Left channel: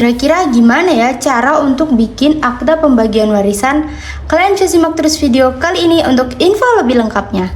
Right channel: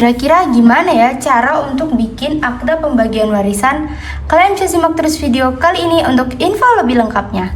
Kira-kira gimana ya cara untuk bikin akta pembagian warisan? Kalian bisa simak terus video kali ini untuk info lebih lengkapnya.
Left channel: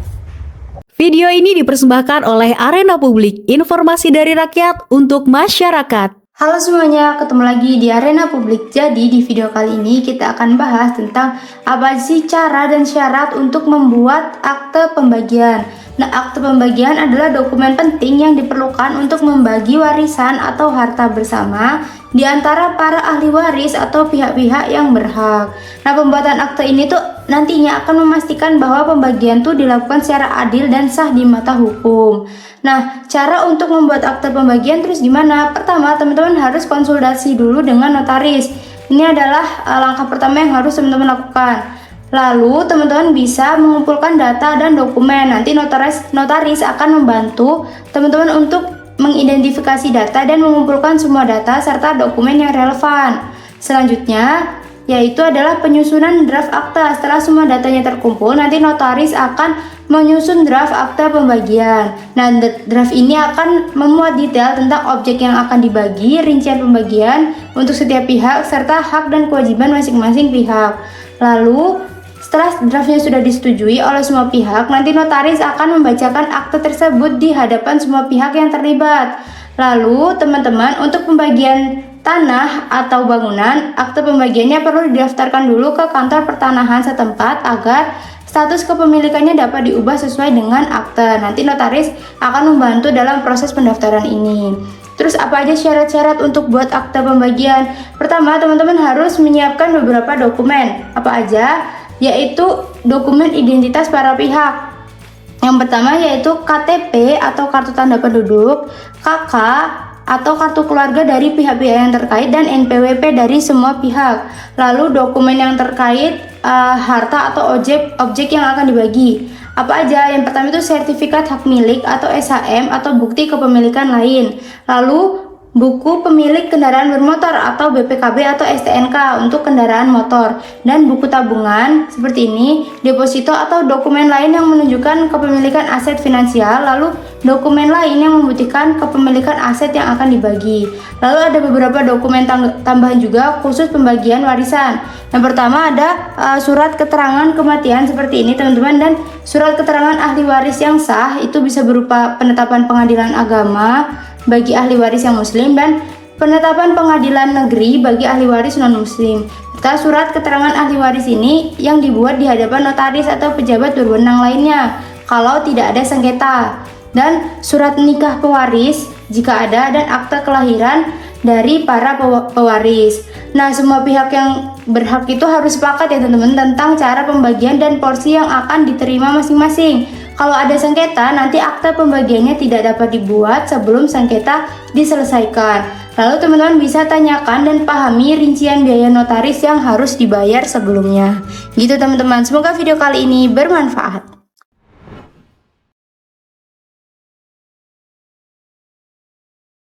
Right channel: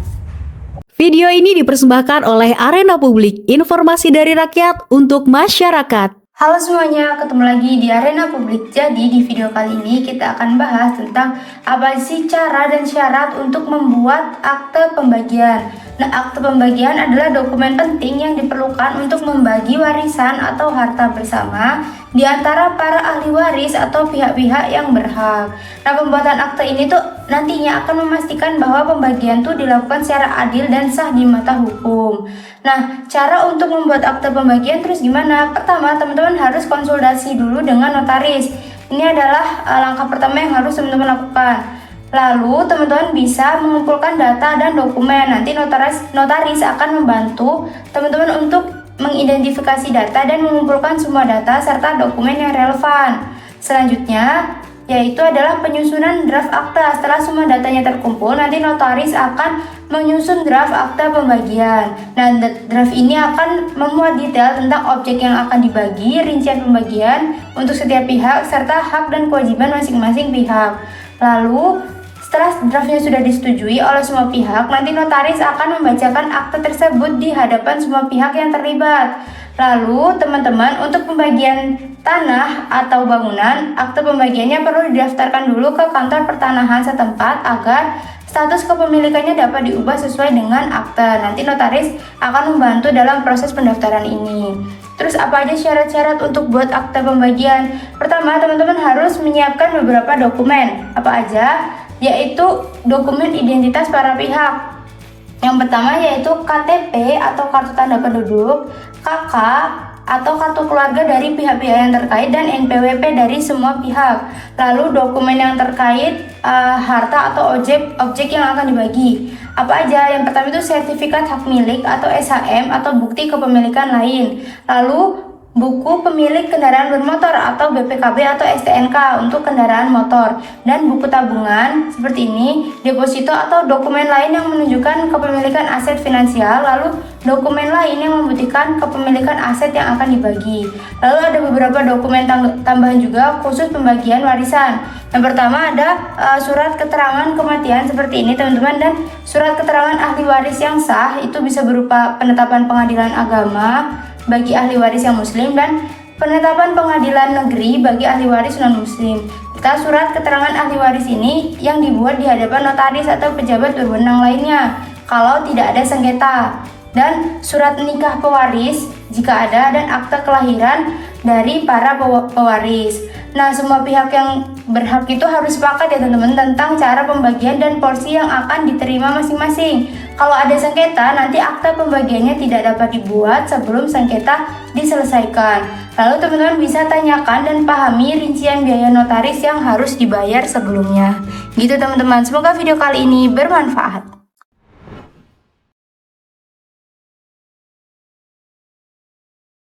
Video ini dipersembahkan oleh Arena Publik, informasi dari rakyat untuk masyarakat. Halo semuanya, ketemu lagi di Arena Publik. Jadi di video kali ini kita akan bahas tentang apa sih cara dan syarat untuk membuat akte pembagian. Nah, akte pembagian adalah dokumen penting yang diperlukan untuk membagi warisan atau harta bersama di antara para ahli waris atau pihak-pihak yang berhak. Nah, pembuatan akte ini tuh nantinya akan memastikan bahwa pembagian tuh dilakukan secara adil dan sah di mata hukum. Nah, cara untuk membuat akte pembagian terus gimana? Pertama, teman-teman harus konsultasi dulu dengan notaris. Ini adalah langkah pertama yang harus teman-teman lakukan. Lalu, teman-teman bisa mengumpulkan data dan dokumen. Nanti notaris akan membantu teman-teman untuk mengidentifikasi data dan mengumpulkan semua data serta dokumen yang relevan. Selanjutnya, yaitu adalah penyusunan draft akta. Setelah semua datanya terkumpul, nanti notaris akan menyusun draft akta pembagian. Nah, draft ini akan memuat detail tentang objek yang akan dibagi, rincian pembagian untuk setiap pihak, serta hak dan kewajiban masing-masing pihak. Lalu, setelah draftnya sudah disetujui oleh semua pihak, nanti notaris akan membacakan akte tersebut di hadapan semua pihak yang terlibat. Lalu, teman-teman, untuk pembagian tanah atau bangunan, akte pembagiannya perlu didaftarkan dulu ke kantor pertanahan setempat agar status kepemilikannya dapat diubah sesuai dengan akte. Nanti notaris akan membantu dalam proses pendaftaran ini. Terus apa aja syarat-syarat untuk buat akte pembagian? Pertama, teman-teman harus menyiapkan beberapa dokumen. Apa aja? Yaitu dokumen identitas para pihak. Yang pertama yaitu KTP atau kartu tanda penduduk, KK atau kartu keluarga dari pihak-pihak yang terkait, dan NPWP dari semua pihak. Lalu dokumen yang terkait harta atau objek yang akan dibagi. Apa aja? Yang pertama itu sertifikat hak milik atau SHM atau bukti kepemilikan lain. Lalu buku pemilik kendaraan bermotor atau BPKB atau STNK untuk kendaraan motor, dan buku tabungan seperti ini, deposito atau dokumen lain yang menunjukkan kepemilikan aset finansial, lalu dokumen lain yang membuktikan kepemilikan aset yang akan dibagi. Lalu ada beberapa dokumen tambahan juga khusus pembagian warisan. Yang pertama ada surat keterangan kematian seperti ini teman-teman, dan surat keterangan ahli waris yang sah itu bisa berupa penetapan pengadilan agama bagi ahli waris yang muslim dan penetapan pengadilan negeri bagi ahli waris non-muslim. Serta surat keterangan ahli waris ini yang dibuat di hadapan notaris atau pejabat berwenang lainnya kalau tidak ada sengketa, dan surat nikah pewaris jika ada, dan akta kelahiran dari para pewaris. Nah, semua pihak yang berhak itu harus sepakat ya teman-teman tentang cara pembagian dan porsi yang akan diterima masing-masing. Kalau ada sengketa, nanti akta pembagiannya tidak dapat dibuat sebelum sengketa diselesaikan. Lalu teman-teman bisa tanyakan dan pahami rincian biaya notaris yang harus dibayar sebelumnya. Gitu teman-teman, semoga video kali ini bermanfaat.